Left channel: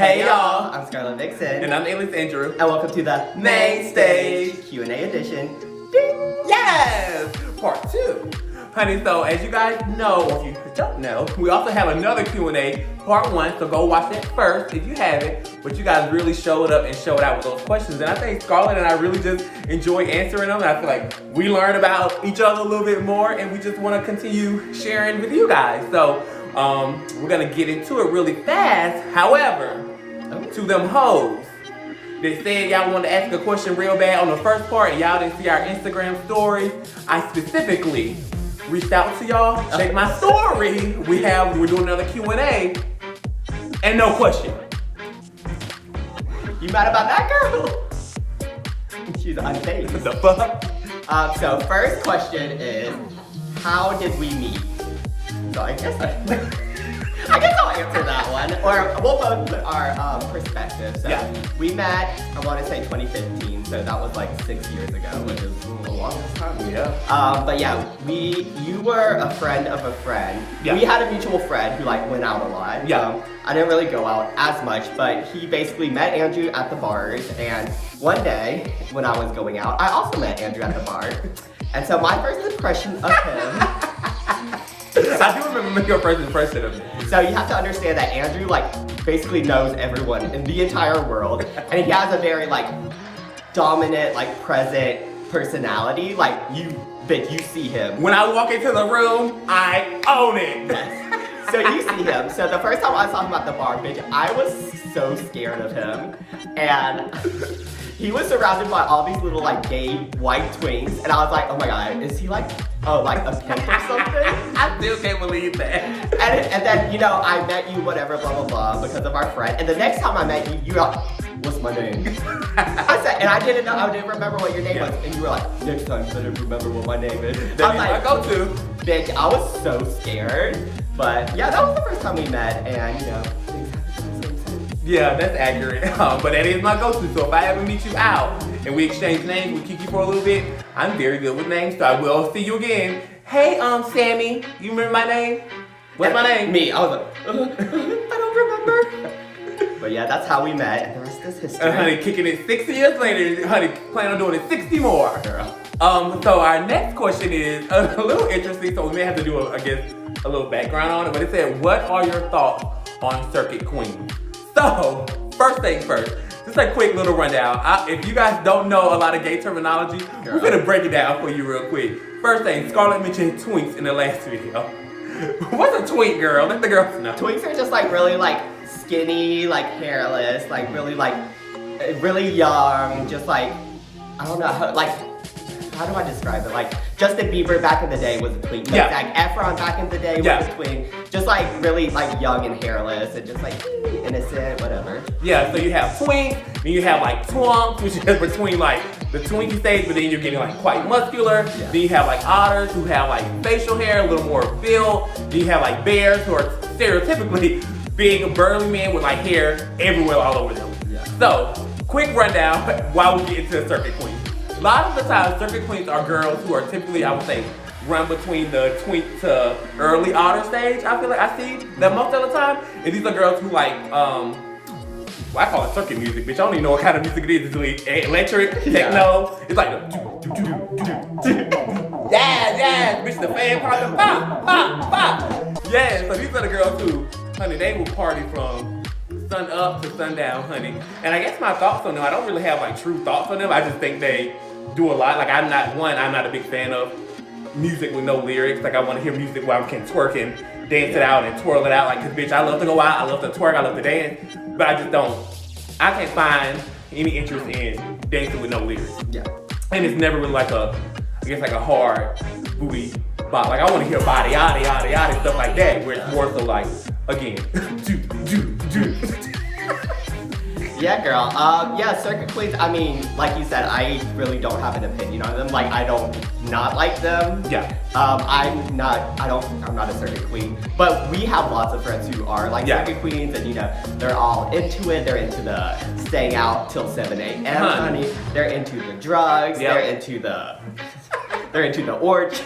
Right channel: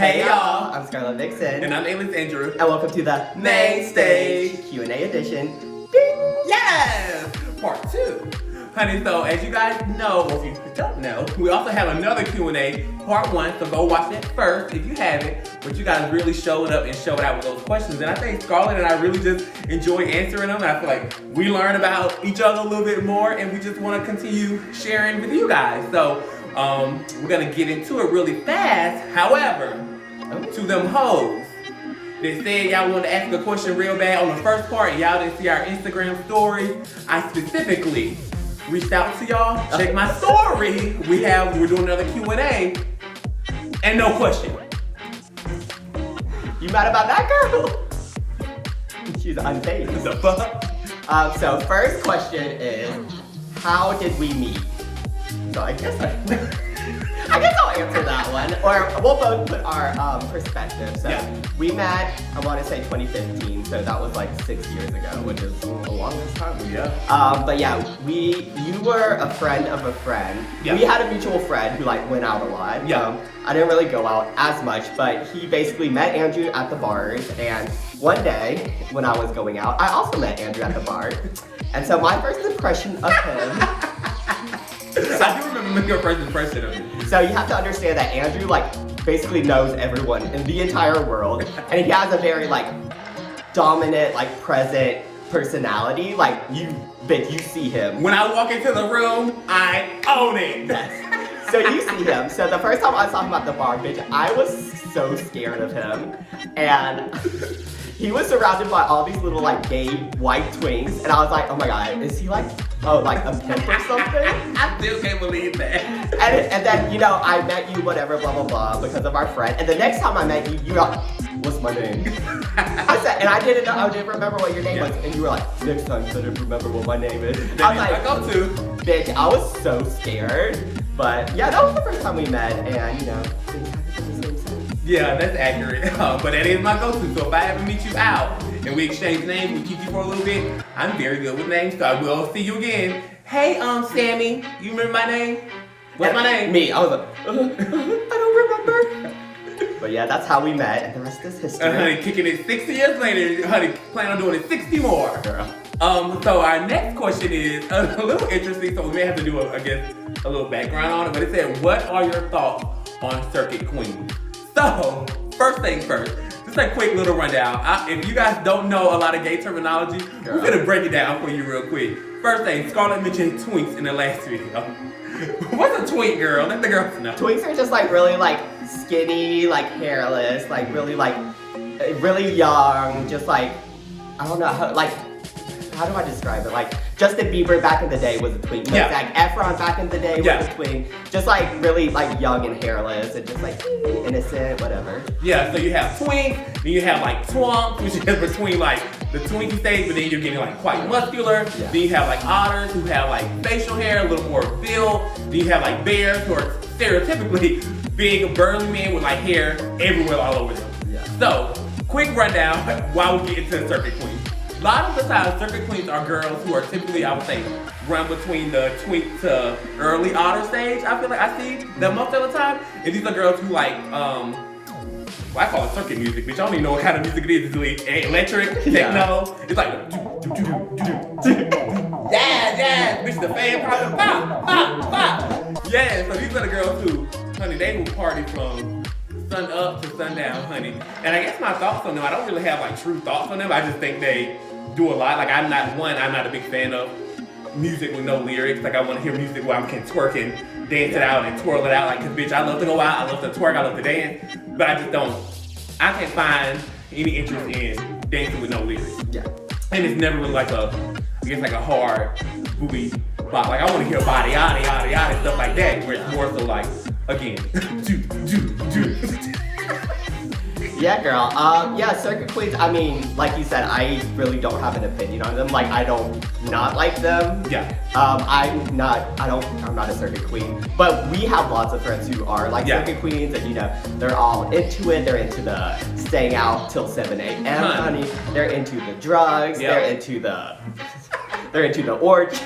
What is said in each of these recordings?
Hey y'all, I'm Scarlet Vixen. And I'm Alias Andrew. And welcome to the Main Stage Q&A edition. Ding! Yes! Part 2. Honey, so as you guys know, or if you don't know, we also have another Q&A, part 1, so go watch it first if you haven't. But you guys really showed up and showed out with those questions. And I think Scarlet and I really just enjoy answering them. And I feel like we learn about each other a little bit more and we just want to continue sharing with you guys. So we're going to get into it really fast. However, to them hoes, they said y'all wanted to ask a question real bad on the first part and y'all didn't see our Instagram story. I specifically reached out to y'all, check my story. We're doing another Q&A and no question. You mad about that girl? She's unfazed. The fuck? So first question is, how did we meet? So I guess I'll answer that one, or we'll both put our perspective. So we met, I want to say 2015, so that was like 6 years ago, which is a long time. Yeah. But yeah, you were a friend of a friend. Yeah. We had a mutual friend who like went out a lot. Yeah. I didn't really go out as much, but he basically met Andrew at the bars, and one day when I was going out, I also met Andrew at the bar. And so my first impression of him. I do remember your first impression of me. So you have to understand that Andrew like basically knows everyone in the entire world, and he has a very like dominant, like present personality. Like you see him. When I walk into the room, I own it. Yes. So you see him. So the first time I saw him at the bar, bitch, I was so scared of him, and he was surrounded by all these little like gay white twinks, and I was like, oh my god, is he like a pimp or something? I still can't believe that. And then, you know, I met you, whatever, blah, blah, blah, because of our friend. And the next time I met you, you were like, what's my name? I said, and I didn't remember what your name was. And you were like, next time you better remember what my name is. I was like, go to. Bitch, I was so scared. But yeah, that was the first time we met, and you know, things haven't been the same since. Yeah, that's accurate. But that is my go-to. So if I ever meet you out and we exchange names, we keep you for a little bit, I'm very good with names, so I will see you again. Hey, Sammy, you remember my name? What's my name? Me. I was like, I don't remember. But yeah, that's how we met, and the rest is history. Honey, kicking it 60 years later, honey, plan on doing it 60 more. Girl. So our next question is a little interesting, so we may have to do, a little background on it, but it said, what are your thoughts on circuit queens? So, first thing first, just a quick little rundown. If you guys don't know a lot of gay terminology, we're gonna break it down for you real quick. First thing, Scarlet mentioned twinks in the last video. What's a twink, girl? Let the girls know. Twinks are just like really like skinny, like hairless, like really young, just like, I don't know, how do I describe it? Like, Justin Bieber back in the day was a twink. Yeah. Zac Efron back in the day was a twink. Just like really like young and hairless and just like innocent, whatever. Yeah, so you have twink, then you have like twunk, which is between like the twinkie stage, but then you're getting like quite muscular. Yeah. Then you have like otters who have like facial hair, a little more built. Then you have like bears who are stereotypically big, burly men with like hair everywhere all over them. Yeah. So, quick rundown while we get into the circuit queens. A lot of the time, circuit queens are girls who are typically, I would say, run between the twink to early otter stage. I feel like I see that most of the time. And these are girls who like, well, I call it circuit music, which I don't even know what kind of music it is. It's really electric, techno. It's like, yeah, bitch, the fan part, pop, pop, pop. Yeah, so these are the girls who, honey, they will party from sun up to sundown, honey. And I guess my thoughts on them, I don't really have like true thoughts on them. I just think they do a lot. Like I'm not a big fan of music with no lyrics. Like I want to hear music where I can twerk and dance it out and twirl it out. Like, cause bitch, I love to go out, I love to twerk, I love to dance, but I can't find any interest in dancing with no lyrics. Yeah. And it's never really like a hard booty bop. Like I want to hear body, yada, yada, yada, stuff like that, where it's more so like, again, Yeah, girl. Yeah, circuit queens, I mean, like you said, I really don't have an opinion on them. Like, I don't not like them. Yeah. I'm not a circuit queen, but we have lots of friends who are like circuit queens, and you know, they're all into it. They're into the staying out till 7 a.m., honey. They're into the drugs. They're into the orgies.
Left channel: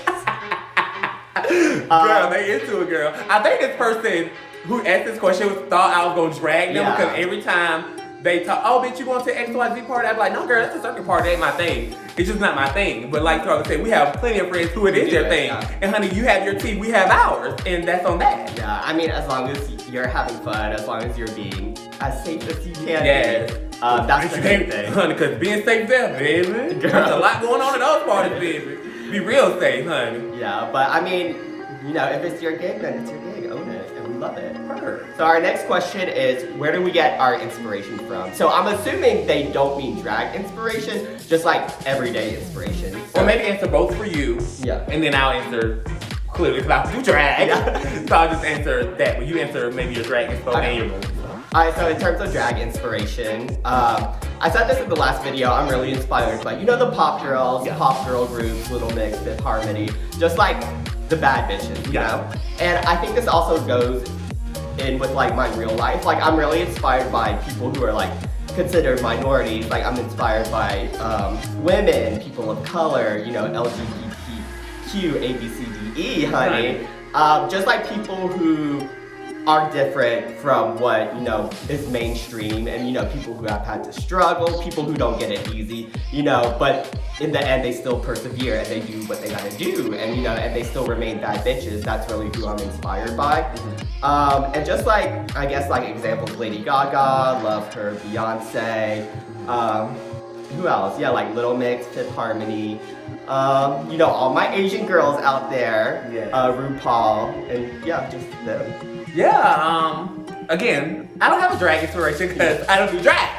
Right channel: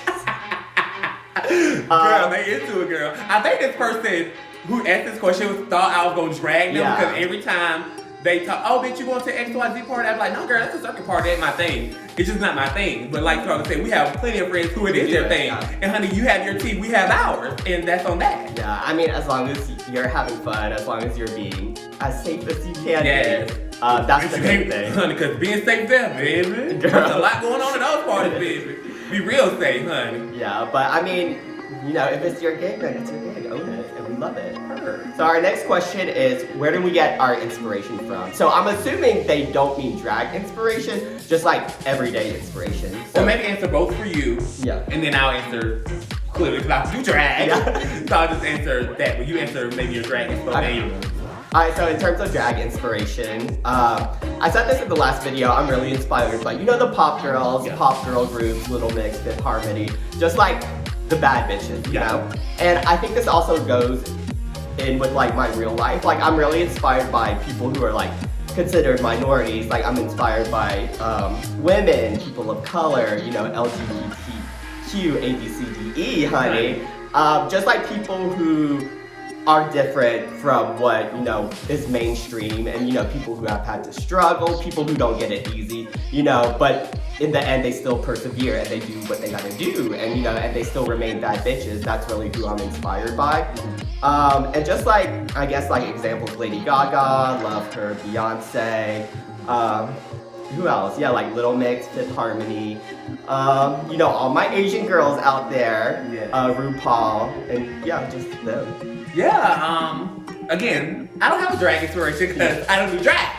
Girl, they into it, girl. I think this person who asked this question thought I was gonna drag them Yeah. because every time they talk, oh, bitch, you going to XYZ party? I'd be like, no, girl, that's a circuit party. That ain't my thing. It's just not my thing. But like y'all say, we have plenty of friends who it is their thing. Yeah. And honey, you have your tea, we have ours, and that's on that. Yeah, I mean, as long as you're having fun, as long as you're being as safe as you can Yes. be, that's the main thing. Honey, because being safe there, baby. Girl. There's a lot going on in those parties, baby. Be real safe, honey. Yeah, but I mean, you know, if it's your gig, then it's your gig. Own it, and we love it. Her. So our next question is, where do we get our inspiration from? So I'm assuming they don't mean drag inspiration, just like everyday inspiration. So maybe answer both for you. Yeah. And then I'll answer clearly about you drag. Yeah. So I'll just answer that, but you answer maybe your drag inspiration. Okay. Alright, so in terms of drag inspiration, I said this in the last video, I'm really inspired by, you know, the pop girls, pop girl groups, Little Mix, Fifth Harmony, just like the bad bitches, you know? And I think this also goes in with like my real life. Like I'm really inspired by people who are like considered minorities. Like I'm inspired by women, people of color, you know, LGBTQ, A, B, C, D, E, honey. Just like people who are different from what, you know, is mainstream, and, you know, people who have had to struggle, people who don't get it easy, you know, but in the end they still persevere and they do what they gotta do, and, you know, and they still remain bad bitches. That's really who I'm inspired by. And just like, I guess like examples, Lady Gaga, love her, Beyonce, who else? Yeah, like Little Mix, Fifth Harmony, you know, all my Asian girls out there, RuPaul, and yeah, just them. Yeah, again, I don't have a drag inspiration because I don't do drag.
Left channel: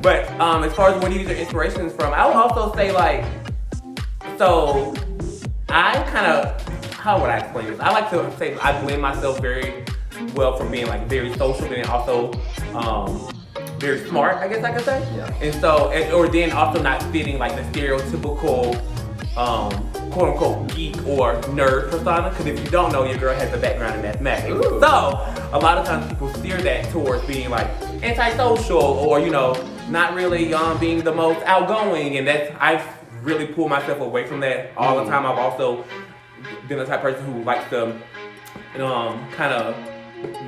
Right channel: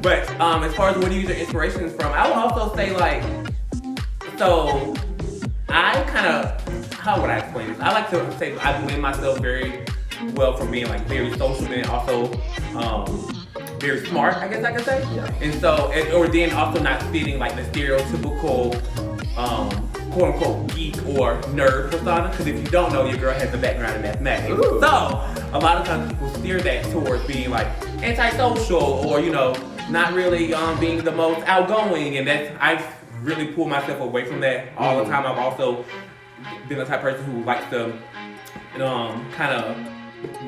But as far as where you get your inspirations from, I would also say like, so I kind of, how would I explain this? I like to say I blend myself very well from being like very social and also very smart, I guess I could say. Yeah. And so, or then also not fitting like the stereotypical quote unquote geek or nerd persona, because if you don't know, your girl has a background in mathematics. Ooh. So a lot of times people steer that towards being like antisocial or, you know, not really being the most outgoing, and that's, I really pull myself away from that all the time. I've also been the type of person who likes to kind of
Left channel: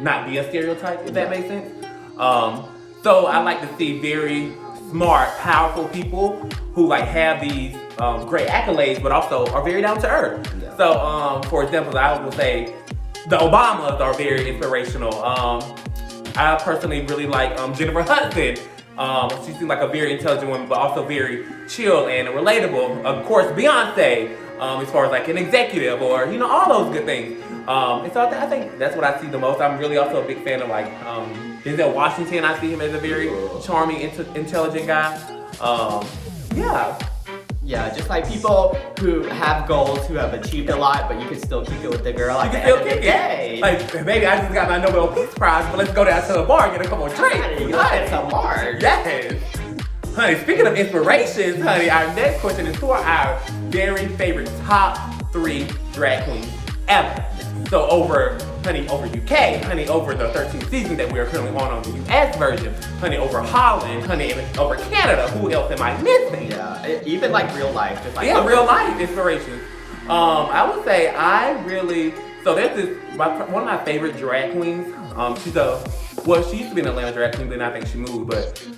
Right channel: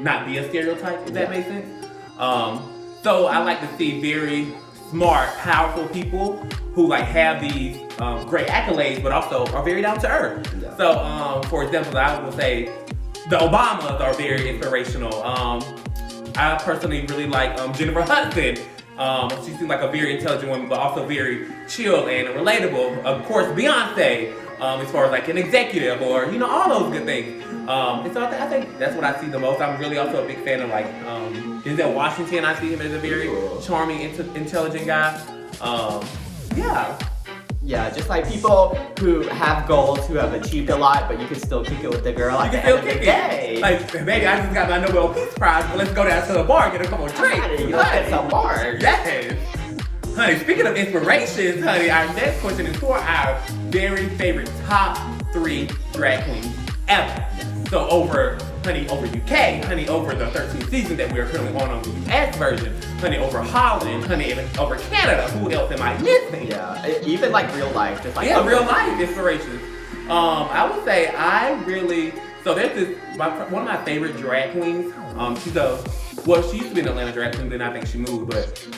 not be a stereotype, if that makes sense. So I like to see very smart, powerful people who like have these great accolades, but also are very down to earth. Yeah. So, for example, I would say the Obamas are very inspirational. I personally really like Jennifer Hudson. She seems like a very intelligent woman, but also very chill and relatable. Of course, Beyonce, as far as like an executive or, you know, all those good things. And so I think that's what I see the most. I'm really also a big fan of like Denzel Washington. I see him as a very charming, intelligent guy. Yeah. Yeah, just like people who have goals, who have achieved a lot, but you can still kick it with the girl at the end of the day. Like, baby, I just got my Nobel Peace Prize, but let's go down to the bar and get a couple of drinks. Honey, let's get some more. Yes. Honey, speaking of inspirations, honey, our next question is who are our very favorite top 3 drag queens ever? So over UK, honey, over the 13th season that we are currently on the US version, honey, over Holland, honey, over Canada. Who else am I missing? Yeah, even like real life, just like real life inspirations. I would say I really, so there's this, one of my favorite drag queens. She used to be an Atlanta drag queen, then I think she moved, but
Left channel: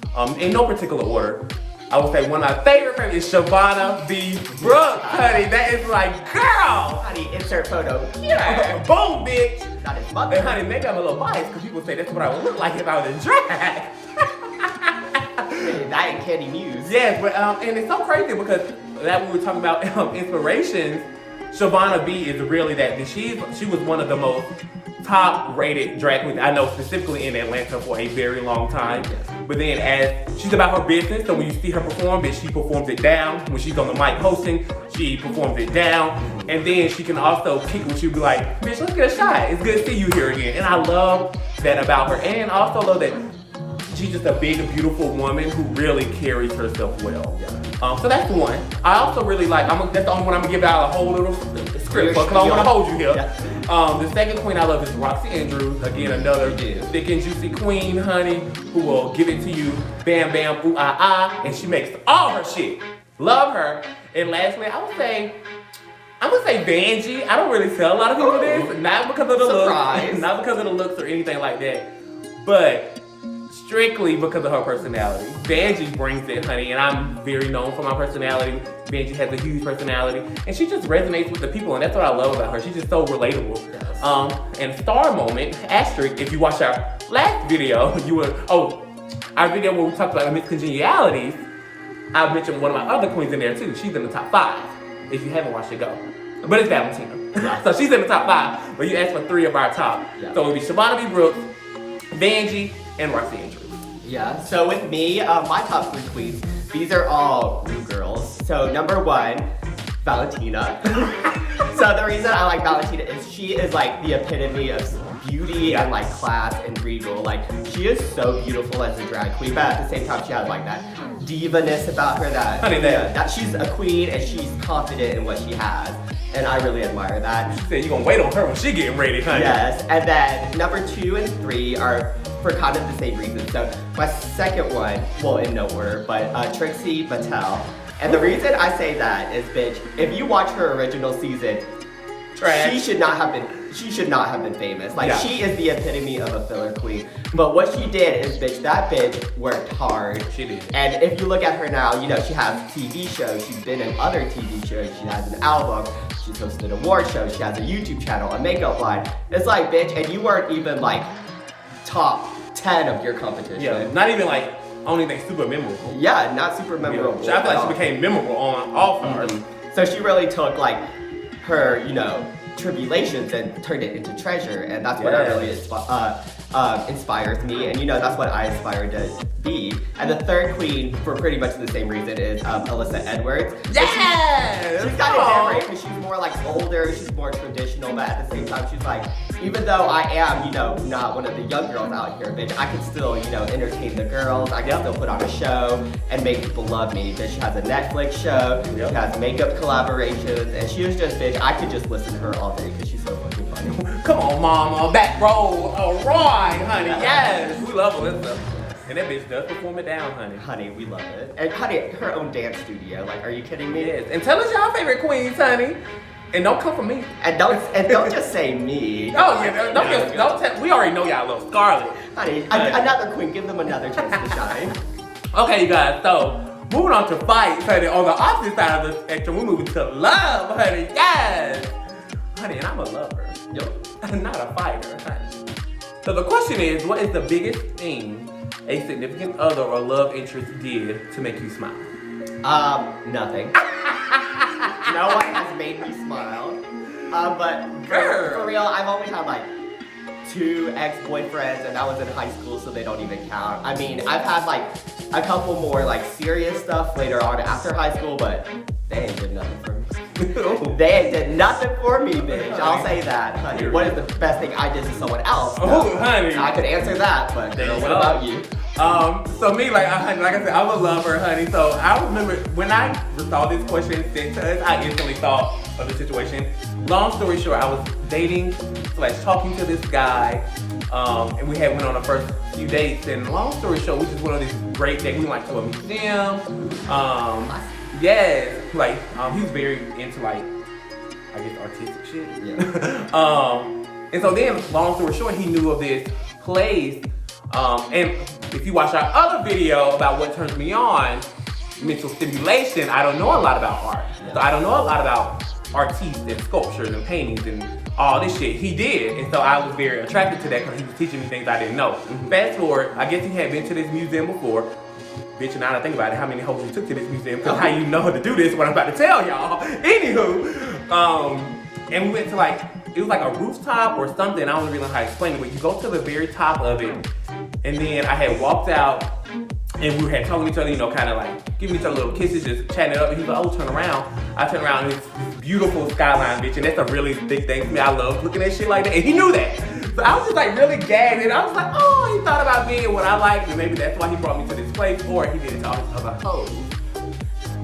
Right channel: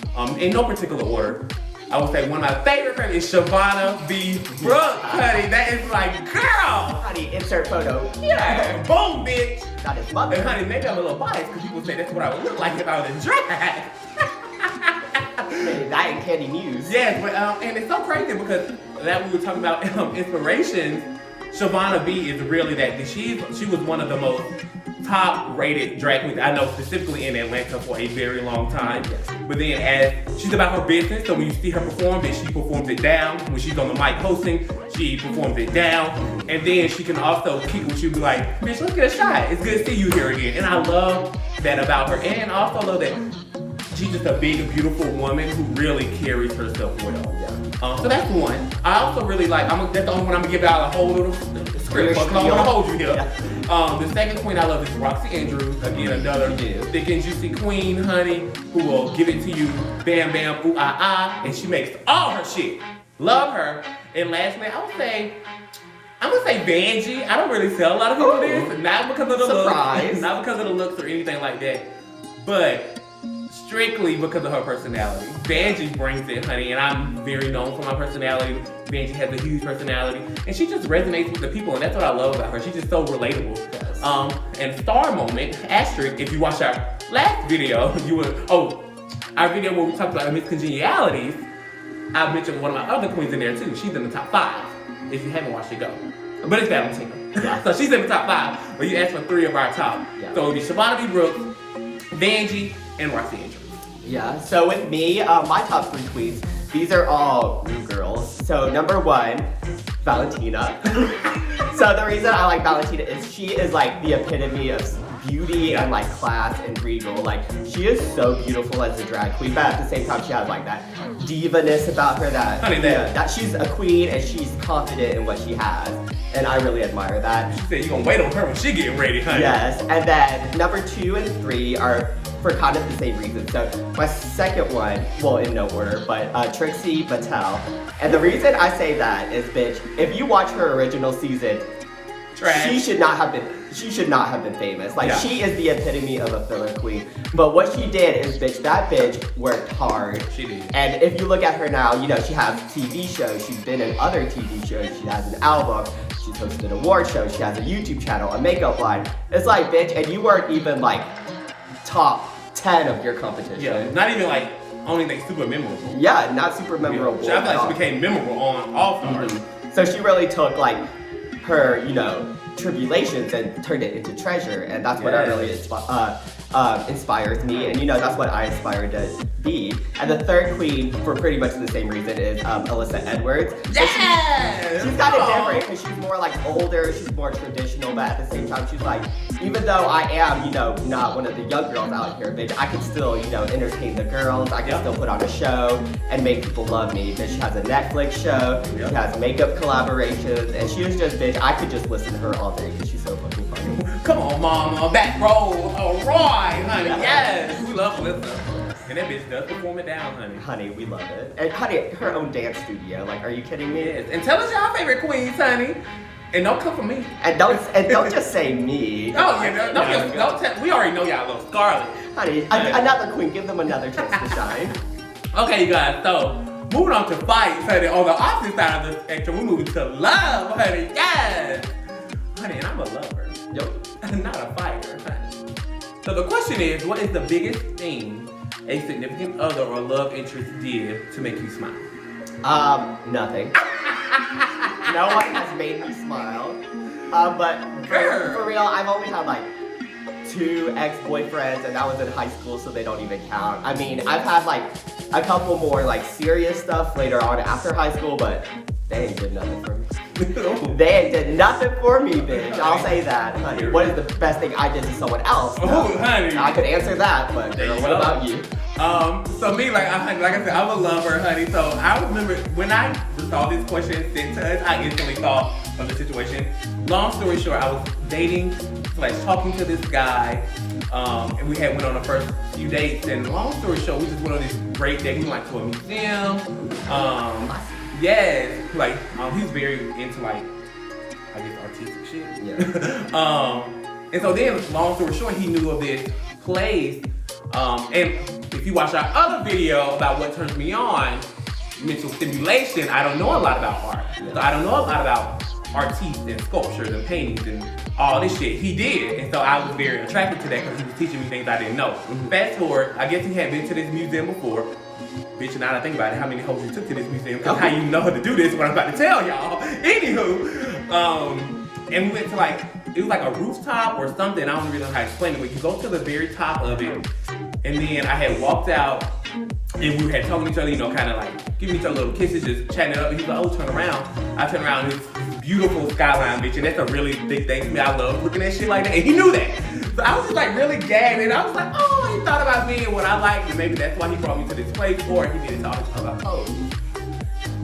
in no particular order. I would say one of my favorite is Shavonna B. Brooks, honey. That is like, girl! Honey, insert photo here. Boom, bitch! Not his mother. Honey, maybe I'm a little biased because people say that's what I would look like if I was in drag. That and Candy Muse. Yes, but and it's so crazy because that we were talking about inspiration. Shavonna B is really that. She was one of the most top-rated drag queens I know, specifically in Atlanta for a very long time. Yes. But then as she's about her business, so when you see her perform, then she performs it down. When she's on the mic hosting, she performs it down. And then she can also kick when she'll be like, bitch, let's get a shot. It's good to see you here again. And I love that about her. And also love that she's just a big, beautiful woman who really carries herself well. Yeah. So that's one. I also really like, that's the only one I'm gonna give out a whole little script, but I'm gonna hold you here. Yeah. The second queen I love is Roxy Andrews. Again, another thick and juicy queen, honey, who will give it to you, bam, bam, ooh, ah, ah, and she makes all her shit. Love her. And lastly, I would say, I'm gonna say Vanjie. I don't really tell a lot of people this, not because of the Surprise. looks, not because of the looks or anything like that, but strictly because of her personality. Vanjie brings it, honey, and I'm very known for my personality. Vanjie has a huge personality, and she just resonates with the people, and that's what I love about her. She's just so relatable. Yes. And star moment, asterisk, if you watch our last video, you would, our video where we talked about miscongenialities, I mentioned one of my other queens in there too. She's in the top 5. If you haven't watched it, go. But it's Valentina. Yeah. So she's in the top 5, but you asked for 3 of our top. Yeah. So it would be Shabana B. Brooks, Vanjie, and Roxy Angels. Yeah, so with me, my top 3 queens, these are all new girls. So number 1, Valentina. So the reason I like Valentina is she is like the epitome of beauty and like class and regal. Like she is so beautiful as a drag queen, but at the same time she has like that diva-ness about her that, Honey, that she's a queen and she's confident in what she has. And I really admire that. She said you're gonna wait on her when she getting ready, honey. Yes, and then number 2 and 3 are for kind of the same reason. So my second one, well in no order, but Trixie Mattel. And the reason I say that is, bitch, if you watch her original season, Trash. she should not have been famous. Like she is the epitome of a filler queen. But what she did is, bitch, that bitch worked hard. She did. And if you look at her now, you know, she has TV shows, she's been in other TV shows, she has an album, she's hosted award shows, she has a YouTube channel, a makeup line. It's like, bitch, and you weren't even like top 10 of your competition. Yeah, not even like only thing super memorable. Yeah, not super memorable. I at thought all. she became memorable on all stars. So she really took like her, you know, tribulations and turned it into treasure, and that's what I really inspires me, and you know that's what I aspire to be. And the third queen, for pretty much the same reason, is Alyssa Edwards. Yes! She's kind of different because she's more like older, she's more traditional, but at the same time she's like, even though I am, you know, not one of the young girls out here, bitch, I can still, you know, entertain the girls, I can still put on a show and make people love me. Bitch, she has a Netflix show, she has makeup collaborations, and she was just, bitch, I could just listen to her all day because she's so fucking funny. Come on, mama, back row, alright, honey, yes! We love Alyssa. And that bitch does perform it down, honey. Honey, we love it. And honey, her own dance studio, like, are you kidding me? Yes. And tell us your favorite queens, honey. And don't come for me. And don't just say me. We already know y'all love Scarlet. Honey, another queen, give them another chance to shine. Okay, you guys, so moving on to fights, honey. On the opposite side of the spectrum, we're moving to love, honey. Yes! Honey, and I'm a lover. Yep. I'm not a fighter, honey. So the question is, what is the biggest thing a significant other or love interest did to make you smile? Nothing. No one has made me smile. But for real, I've only had like 2 ex-boyfriends, and that was in high school, so they don't even count. I mean, I've had like a couple more like serious stuff later on after high school, but they ain't did nothing for me. They ain't did nothing for me, bitch. I'll say that, honey. What is the best thing I did to someone else? Oh, honey. I could answer that, but girl, what about you? So me, like I said, I'm a lover, honey. So I remember when I saw this question sent to us, I instantly thought of the situation. Long story short, I was dating, like talking to this guy, and we had went on the first few dates. And long story short, we just went on this great date. We went to a museum. Yes, like he's very into like, I guess, artistic shit. Yeah. And so then, long story short, he knew of this place. And if you watch our other video about what turns me on, mental stimulation, I don't know a lot about art. So I don't know a lot about artists and sculptures and paintings and all this shit. He did, and so I was very attracted to that because he was teaching me things I didn't know. Fast forward, I guess he had been to this museum before. Bitch, now that I think about it, how many hoes he took to this museum, because how you know how to do this, what I'm about to tell y'all. Anywho, and we went to like, it was like a rooftop or something, I don't really know how to explain it, but you go to the very top of it, and then I had walked out, and we had told each other, you know, kind of like giving each other little kisses, just chatting it up, and he was like, oh, turn around. I turned around, and it's this beautiful skyline, bitch, and that's a really big thing for me. I love looking at shit like that, and he knew that. So I was just like really gagged, and I was like, oh, he thought about me and what I like, and maybe that's why he brought me to this place, or he didn't talk about hoes,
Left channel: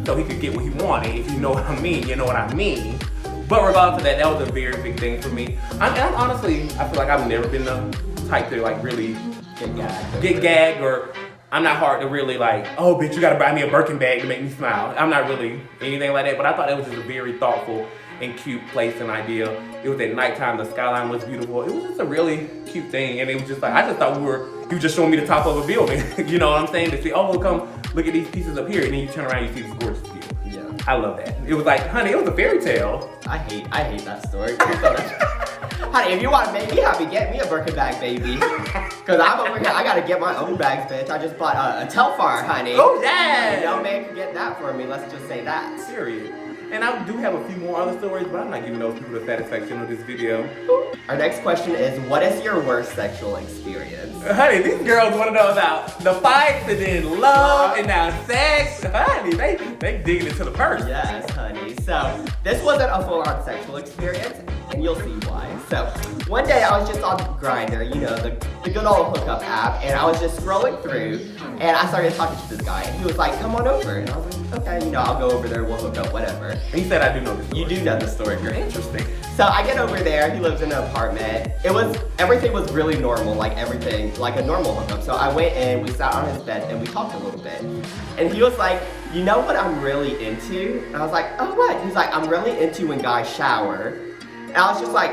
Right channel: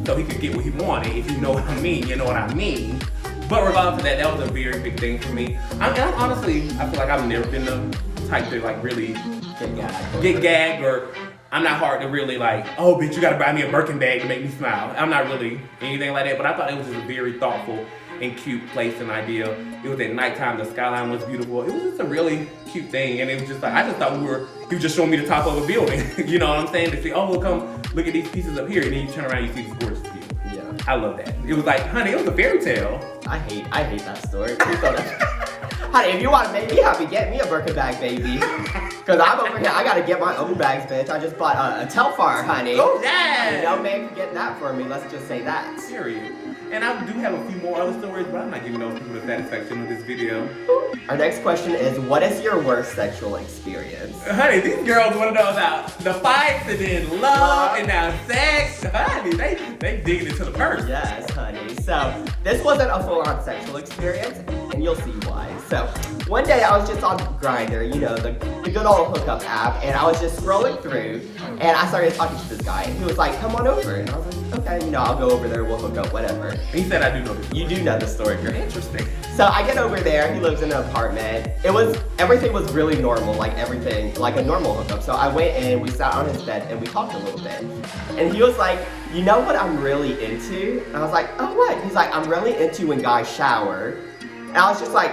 so he could get what he wanted, if you know what I mean, you know what I mean. But regardless of that, that was a very big thing for me. I honestly, I feel like I've never been the type to like really get gagged, or I'm not hard to really like, oh bitch, you gotta buy me a Birkin bag to make me smile. I'm not really anything like that, but I thought it was just a very thoughtful and cute place and idea. It was at nighttime, the skyline was beautiful. It was just a really cute thing, and it was just like, I just thought he was just showing me the top of a building. You know what I'm saying? They say, oh, come look at these pieces up here, and then you turn around, you see this gorgeous view. Yeah. I love that. It was like, honey, it was a fairy tale. I hate that story. Honey, if you want to make me happy, get me a Birkin bag, baby. Cause I'm over here, I gotta get my own bags, bitch. I just bought a Telfar, honey. Oh, yeah. Honey, no man can get that for me, let's just say that. Period. And I do have a few more other stories, but I'm not giving those people the satisfaction of this video. Our next question is, what is your worst sexual experience? Honey, these girls want to know about the fights and then love and now sex. Honey, they digging into the purse. Yes, honey. So, this wasn't a full-on sexual experience, and you'll see why. So, one day I was just on Grindr, you know, the good old hookup app, and I was just scrolling through, and I started talking to this guy, and he was like, come on over. And I was like, okay, you know, I'll go over there, we'll hook up, whatever. He said I do know the story. You do know the story, girl. Interesting. So I get over there, he lives in an apartment. Everything was really normal, like everything, like a normal hookup. So I went in, we sat on his bed, and we talked a little bit. And he was like, you know what I'm really into? And I was like, oh, what? He's like, I'm really into when guys shower. And I was just like,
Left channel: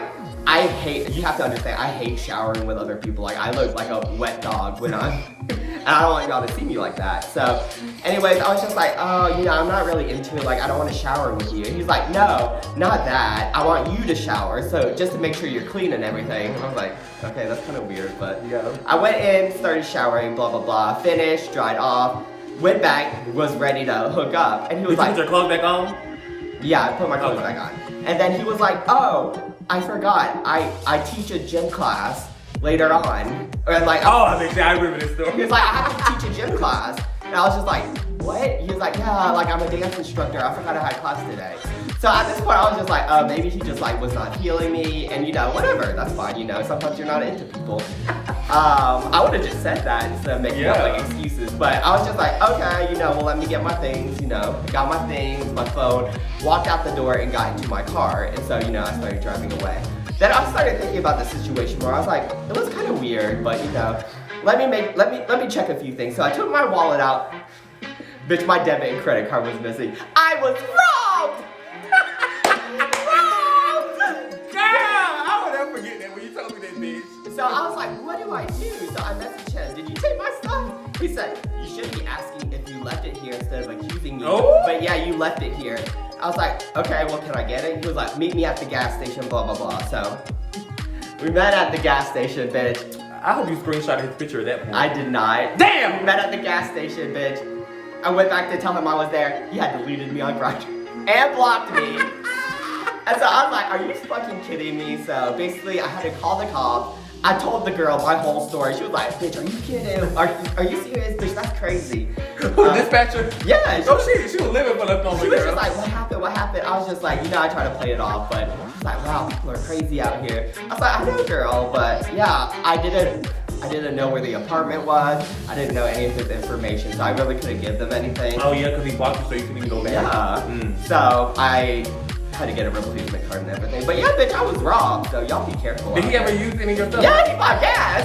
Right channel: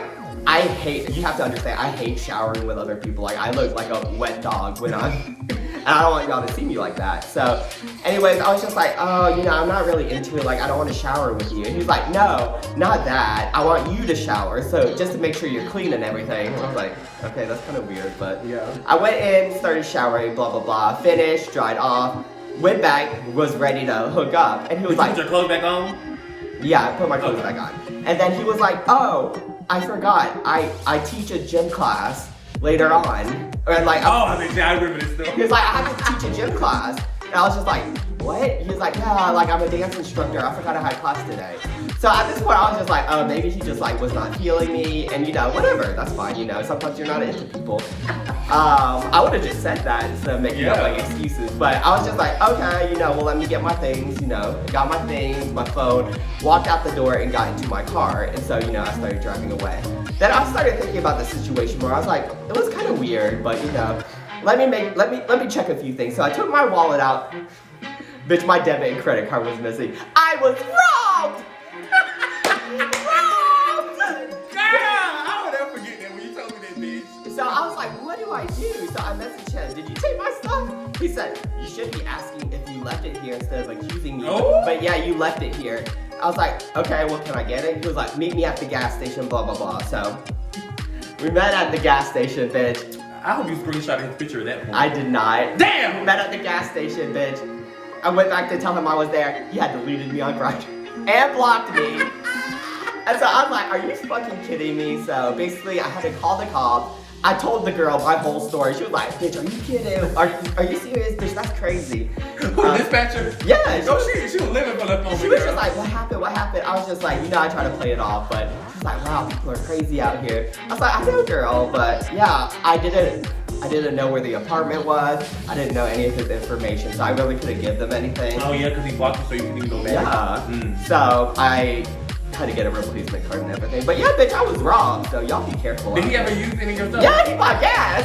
you have to understand, I hate showering with other people. Like, I look like a wet dog when and I don't want y'all to see me like that. So, anyways, I was just like, oh, you know, I'm not really into it. Like, I don't want to shower with you. And he's like, no, not that. I want you to shower. So, just to make sure you're clean and everything. And I was like, okay, that's kind of weird, but yeah. I went in, started showering, blah, blah, blah, finished, dried off, went back, was ready to hook up. And he was like, put your clothes back on? Yeah, I put my clothes back on. And then he was like, oh, I forgot. I teach a gym class later on. Or like, I remember this story. He was like, I have to teach a gym class. And I was just like, what? He was like, yeah, like I'm a dance instructor. I forgot I had class today. So at this point, I was just like, oh, maybe he just like was not feeling me. And you know, whatever, that's fine. You know, sometimes you're not into people. I would have just said that instead of making up like excuses. But I was just like, okay, you know, well, let me get my things, you know. I got my things, my phone, walked out the door and got into my car. And so, you know, I started driving away. Then I started thinking about the situation where I was like, it was kind of weird, but you know, let me check a few things. So I took my wallet out. Bitch, my debit and credit card was missing. I was robbed! Robbed! Girl, I will never forget that when you told me that, bitch. So I was like, what do I do? So I messaged him, did you take my stuff? He said, you should be asking if you left it here instead of accusing me. Oh. But yeah, you left it here. I was like, okay, well, can I get it? He was like, meet me at the gas station, blah, blah, blah. So we met at the gas station, bitch. I hope you screenshotted his picture at that point. I did not. Damn! We met at the gas station, bitch. I went back to tell him I was there. He had deleted me on Grindr and blocked me. And so I was like, are you fucking kidding me? So basically, I had to call the cops. I told the girl my whole story. She was like, bitch, are you kidding? Are you serious? Bitch, that's crazy. Dispatcher? Yeah. She was living for the moment. She was just like, what happened? What happened? I was just like, you know, I try to play it off, but she's like, wow, people are crazy out here. I was like, I know, girl, but yeah, I didn't know where the apartment was. I didn't know any of his information, so I really couldn't give them anything. Oh yeah, because he blocked you so you couldn't even go back. Yeah. So I had to get a replacement card and everything. But yeah, bitch, I was robbed, so y'all be careful. Did he ever use any of your stuff? Yeah, he bought gas.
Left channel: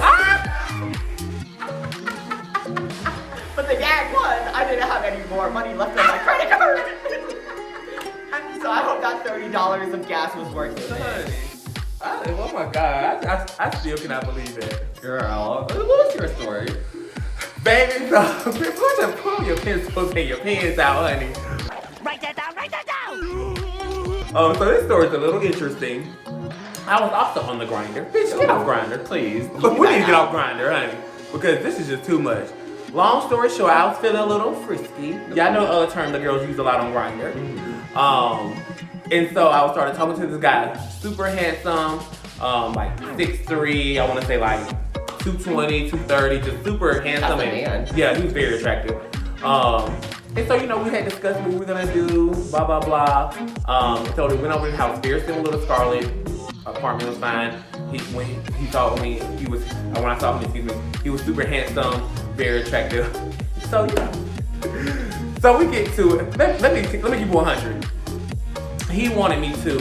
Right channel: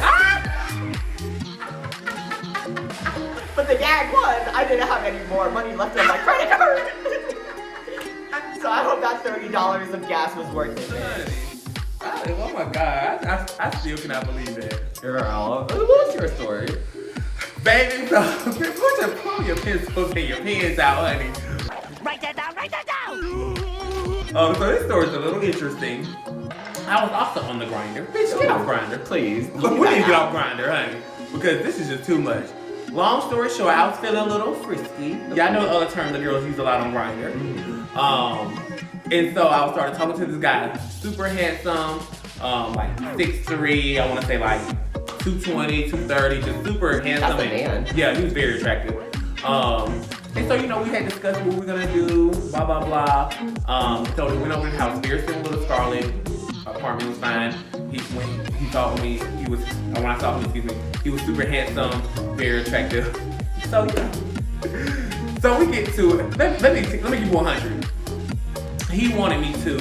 But the gag was, I didn't have any more money left on my credit card. So I hope that $30 of gas was worth it, bitch. Oh my god, I still cannot believe it. Girl, what was your story? Baby, so pull your pencils and your pens out, honey. Write that down, write that down! So this story's a little interesting. I was also on the Grindr. Bitch, get off Grindr, please. We need to get off Grindr, honey. Because this is just too much. Long story short, I was feeling a little frisky. Y'all know the other term the girls use a lot on Grindr. And so I started talking to this guy, super handsome, like 6'3", I want to say like 220, 230, just super handsome. That's a man. Yeah, he was very attractive. And so, you know, we had discussed what we were gonna do, blah, blah, blah. So we went over to his house, very similar to Scarlet. Apartment was fine. When he saw me, when I saw him, excuse me, he was super handsome, very attractive. So, so we get to it. Let me give you 100. He wanted me to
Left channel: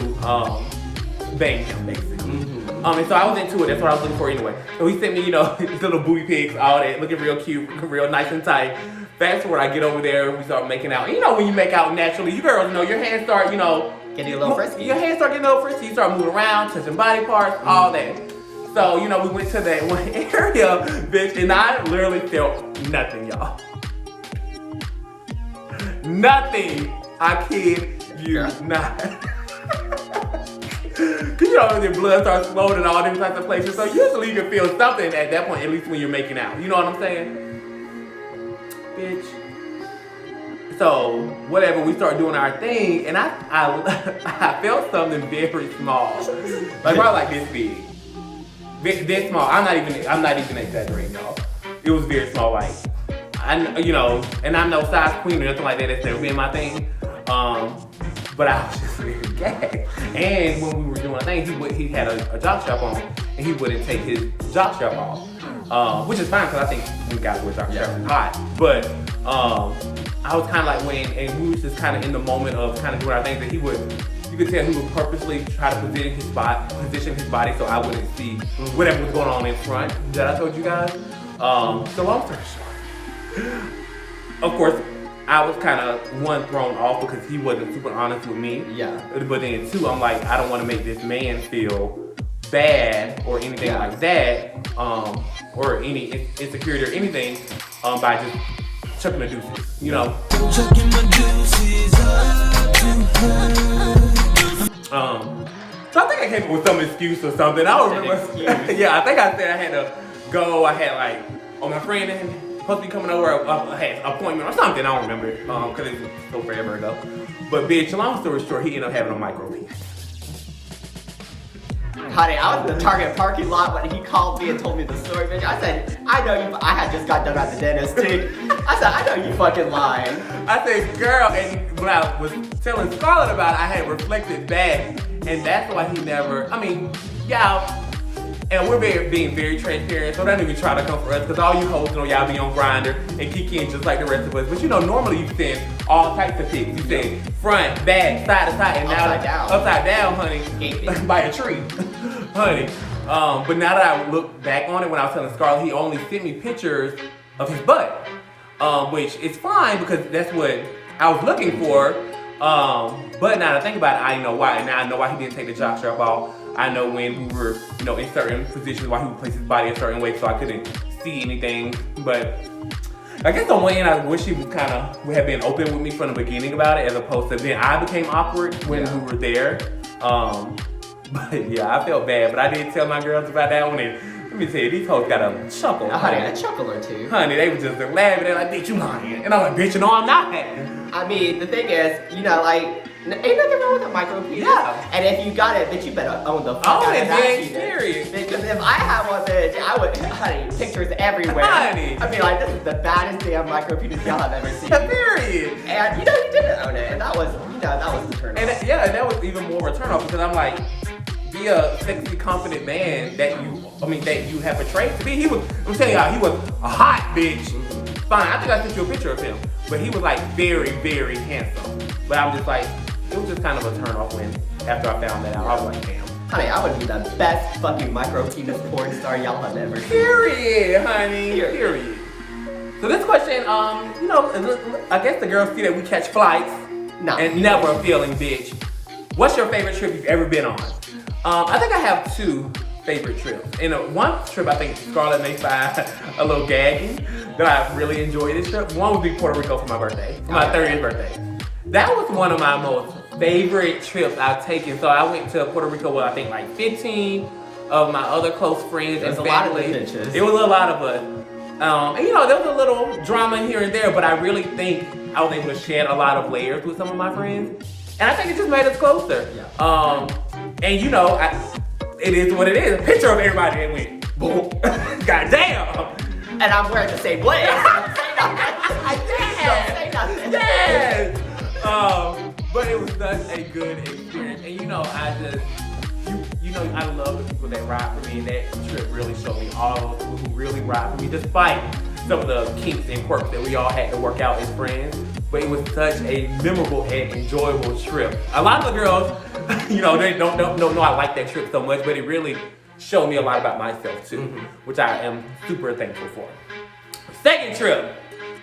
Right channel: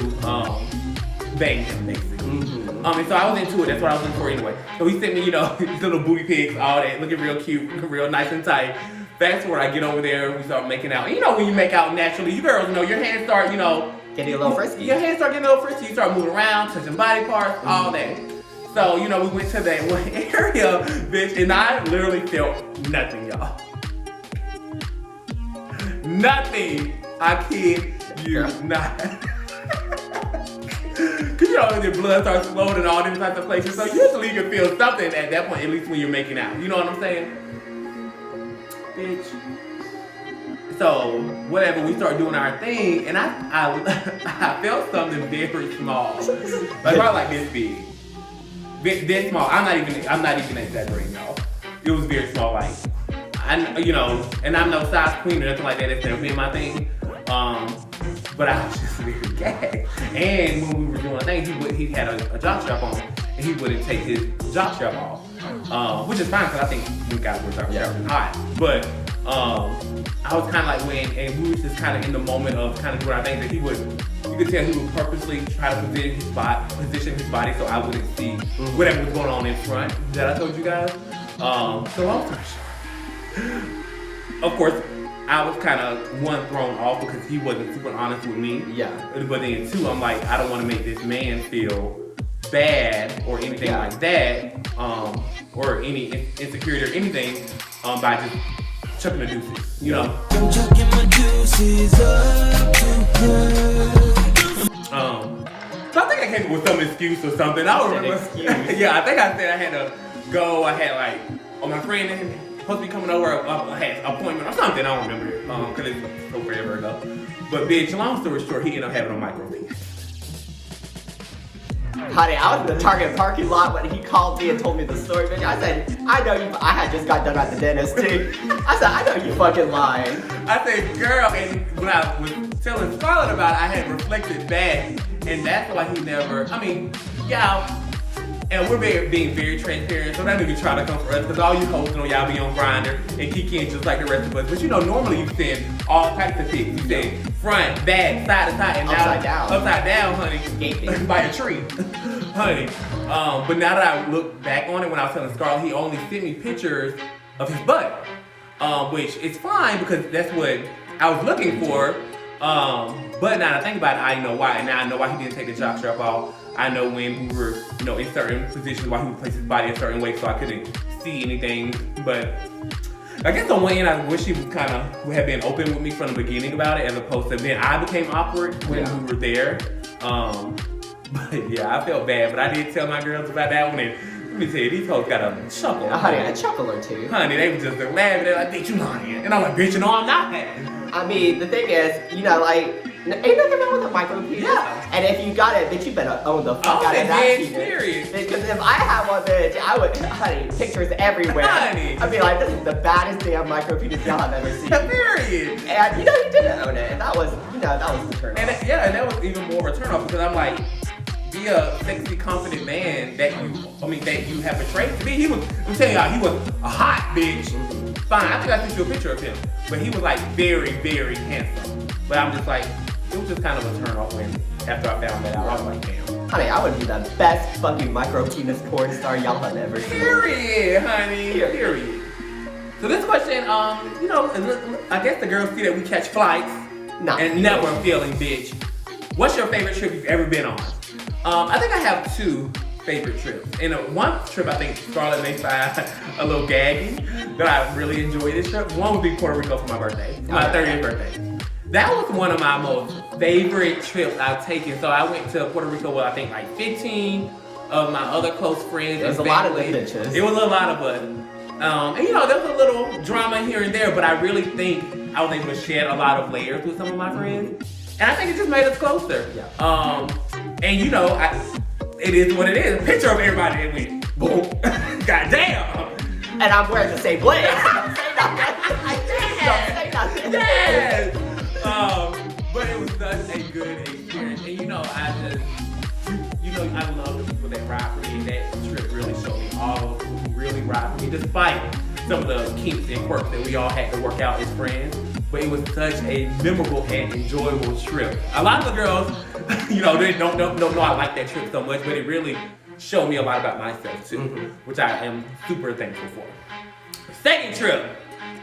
bang him, basically. And so I was into it. That's what I was looking for anyway. So he sent me, you know, his little booty pics, all that, looking real cute, real nice and tight. Fast forward, I get over there, we start making out. You know, when you make out naturally, you girls know your hands start, you know, Getting a little frisky. Your hands start getting a little frisky. You start moving around, touching body parts, all that. So, you know, we went to that one area, bitch, and I literally felt nothing, y'all. Nothing. I kid you not. Cause you know, your blood starts flowing in all different types of places. So usually you can feel something at that point, at least when you're making out. You know what I'm saying? Bitch. So, whatever, we start doing our thing, and I felt something very small. Like, probably like this big. This small. I'm not even exaggerating, y'all. It was very small, like, you know, and I'm no size queen or nothing like that. That's never been my thing. But I was just really gagged. And when we were doing a thing, he had a jock strap on, and he wouldn't take his jock strap off, which is fine because I think we got to wear jock strap hot. But I was kind of like and we was just kind of in the moment of kind of doing our thing that you could tell he would purposely try to position his body so I wouldn't see whatever was going on in front that I told you guys. So long story short, of course, I was kind of one thrown off because he wasn't super honest with me. Yeah. But then two, I'm like, I don't want to make this man feel bad or anything like that, or any insecurity or anything, by just chucking the deuces, you know. Chucking my deuces so I think I came up with some excuse or something. I don't remember. Yeah, I think I said I had to go. I had like, my friend and supposed to be coming over. I had an appointment or something. I don't remember it because it was so forever ago. But bitch, long story short, he ended up having a micro penis. Honey, I was in the Target parking lot when he called me and told me the story, bitch. I said, I know you. I had just got done at the dentist too. I said, I know you fucking lying. I said, girl, and when I was telling Scarlet about it, I had reflected back, and that's why he never. I mean, y'all. And we're being very transparent, so don't even try to come for us, because all you hoes know y'all be on Grindr and kick in just like the rest of us. But you know, normally you send all types of pics. You send front, back, side to side, and upside down. Upside down, honey. Gaping. By the tree. Honey. But now that I look back on it, when I was telling Scarlet, he only sent me pictures of his butt. Which is fine, because that's what I was looking for. But now that I think about it, I know why. Now I know why he didn't take the jock strap off. I know when we were, you know, in certain positions, why he would place his body a certain way, so I couldn't see anything. But I guess on one end, I wish he would have been open with me from the beginning about it, as opposed to then I became awkward when we were there. But yeah, I felt bad, but I did tell my girls about that one. And let me tell you, these folks got a chuckle. Honey, a chuckle or two. Honey, they were just laughing. They're like, bitch, you lying. And I'm like, bitch, no, I'm not that. I mean, the thing is, you know, like, ain't nothing wrong with a micro penis. Yeah. And if you got it, bitch, you better own the fuck out of that penis. Because if I had one, bitch, I would, honey, pictures everywhere. Honey. I'd be like, this is the baddest damn micro penis y'all have ever seen. Period. And, you know, you didn't own it. And that was, you know, that was the turn off. And that was even more of a turn off, because I'm like, be a sexy, confident man that you have portrayed to be. I'm telling y'all, he was a hot bitch. Fine, I think I sent you a picture of him. But he was like very, very handsome. But I'm just like, it was just kind of a turn off after I found that out. I was like, damn. Honey, I would be the best fucking micro penis porn star y'all have ever seen. Period, honey. Period. So this question, you know, I guess the girls see that we catch flights. No. And never feeling bitch. What's your favorite trip you've ever been on? I think I have two favorite trips. And one trip I think Scarlet may find a little gaggy, that I really enjoyed this trip. One would be Puerto Rico for my birthday, my 30th birthday. That was one of my most favorite trips I've taken. So I went to Puerto Rico with I think like 15 of my other close friends. There was a lot of bitches. There was a lot of us. And you know, there was a little drama here and there, but I really think I was able to shed a lot of layers with some of my friends. And I think it just made us closer. Yeah. And you know, it is what it is. A picture of everybody that went, boom. Goddamn. And I'm wearing the same legs. Don't say nothing. Don't say nothing. Yes. But it was such a good experience. And you know, I love the people that ride for me. And that trip really showed me all those people who really ride for me, despite some of the kinks and quirks that we all had to work out as friends. But it was such a memorable and enjoyable trip. A lot of the girls, you know, they don't know I like that trip so much, but it really showed me a lot about myself too, which I am super thankful for. Second trip,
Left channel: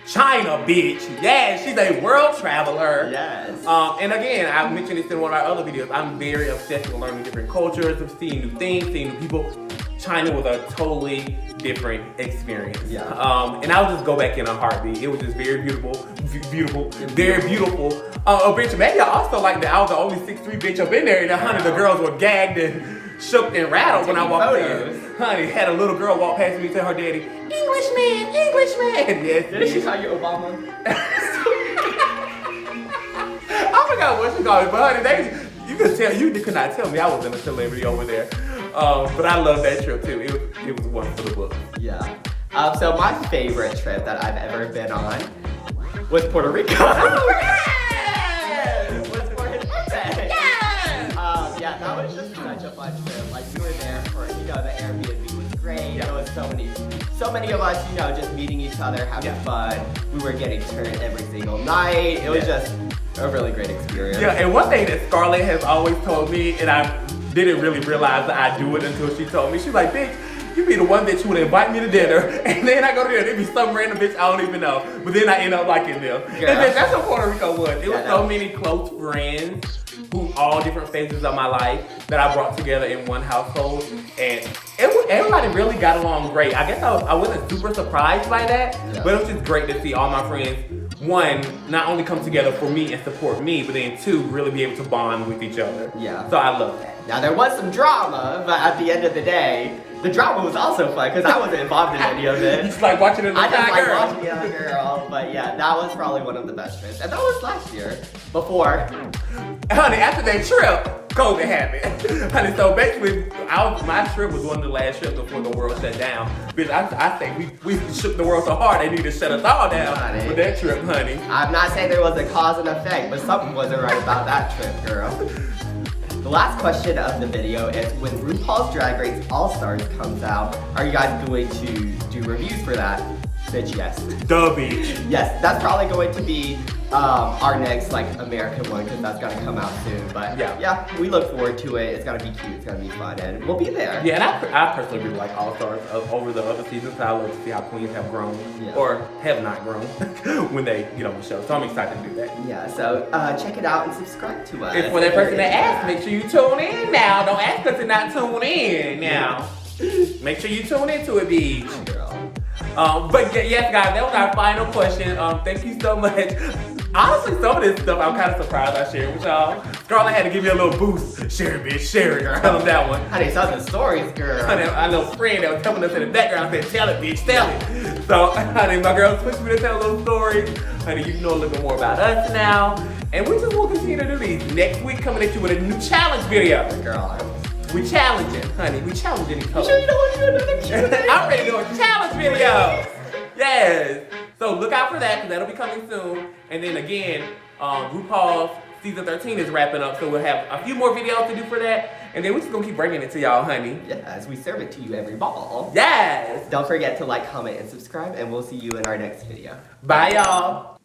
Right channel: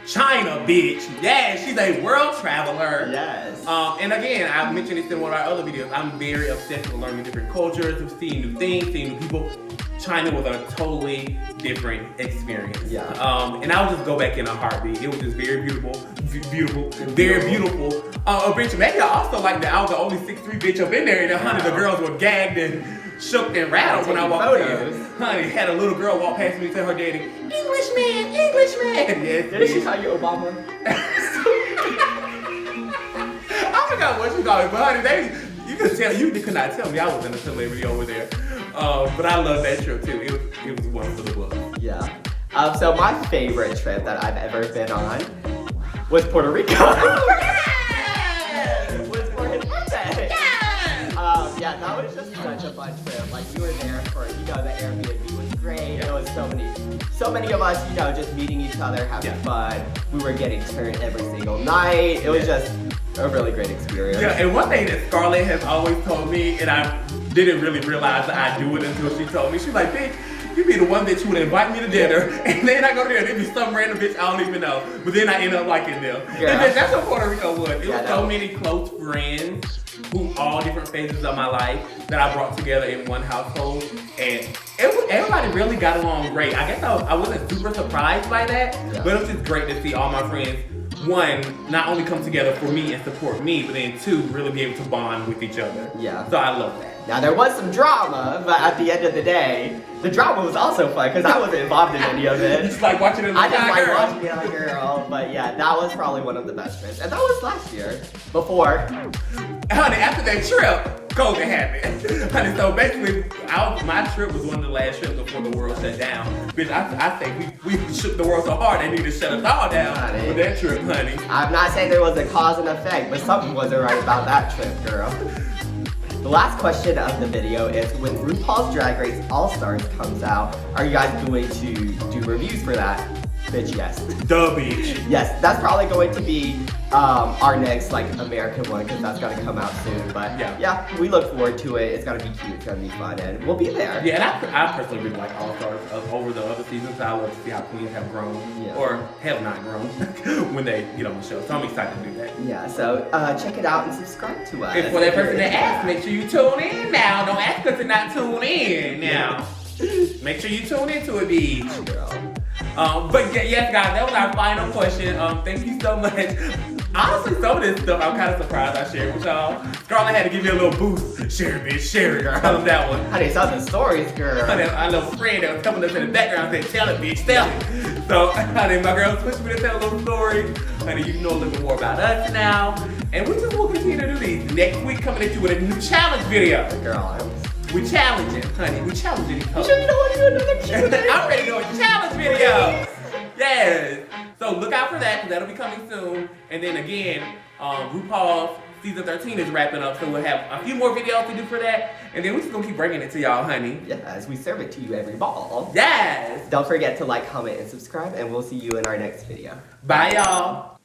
China, bitch. Yeah, she's a world traveler. Yes. And again, I mentioned this in one of our other videos. I'm very obsessed with learning different cultures, of seeing new things, seeing new people. China was a totally different experience. Yeah. And I'll just go back in a heartbeat. It was just very beautiful, very beautiful. Bitch, maybe I also like that I was the only 6'3" bitch up in there, and honey, the girls were gagged and shook and rattled when I walked photos. in. Honey, had a little girl walk past me and tell her daddy, Englishman. Yes, Did she call you Obama? I forgot what she called me, but honey, you could not tell me I was in a celebrity over there. But I love that trip too. It was one for the book. Yeah. So my favorite trip that I've ever been on was Puerto Rico. Was for his birthday. Yeah, that was just such a fun trip. Like we were there for, the Airbnb was great. There was so many of us, just meeting each other, having fun. We were getting turned every single night. It was just a really great experience. Yeah, and one thing that Scarlet has always told me, and I didn't really realize that I do it until she told me. She's like, bitch, you be the one bitch who would invite me to dinner, and then I go there and it be some random bitch I don't even know, but then I end up liking them. Yeah. And bitch, that's what Puerto Rico was. It was so was many close friends who all different phases of my life that I brought together in one household, and everybody really got along great. I guess I wasn't super surprised by that, but it was just great to see all my friends, one, not only come together for me and support me, but then two, really be able to bond with each other. Yeah. So I love that. Now there was some drama, but at the end of the day, the drama was also fun because I wasn't involved in any of it. Just like watching it. I just like watching it on a girl, but yeah, that was probably one of the best trips. And that was last year, before. Honey, after that trip, COVID happened. Honey, so basically, my trip was one of the last trips before the world shut down. Bitch, I think we shook the world so hard they need to shut us all down Honey. with that trip, honey. I'm not saying there was a cause and effect, but something wasn't right about that trip, girl. The last question of the video is, when RuPaul's Drag Race All-Stars comes out, are you guys going to do reviews for that? Bitch, yes. Duh, bitch. Yes, that's probably going to be our next American one because that's gonna come out soon. But yeah, we look forward to it. It's gonna be cute. It's gonna be fun, and we'll be there. Yeah, and I personally do like All Stars over the other seasons. I love to see how queens have grown or have not grown when they get on the show. So I'm excited to do that. Yeah, so check it out and subscribe to us. And for that person that asked, make sure you tune in now. Don't ask us to not tune in now. Make sure you tune into it, bitch. Girl. But yes, guys, that was our final question. Thank you so much. Honestly, some of this stuff I'm kind of surprised I shared with y'all. Scarlet had to give me a little boost. Share it, bitch, share it, girl. On that one. Honey, saw the stories, girl. Honey, our little friend that was coming up in the background said, tell it, bitch, tell it. So, honey, my girl pushed me to tell a little story. Honey, you know a little bit more about us now. And we just will continue to do these. Next week, coming at you with a new challenge video. Girl, We challenging, honey. We challenging. you sure you don't want to do another Q&A? I'm ready to do a challenge video. Yes. So look out for that because that'll be coming soon. And then again, RuPaul's season 13 is wrapping up, so we'll have a few more videos to do for that. And then we're just gonna keep bringing it to y'all, honey. Yes, we serve it to you every ball. Yes. Don't forget to like, comment, and subscribe, and we'll see you in our next video. Bye, y'all.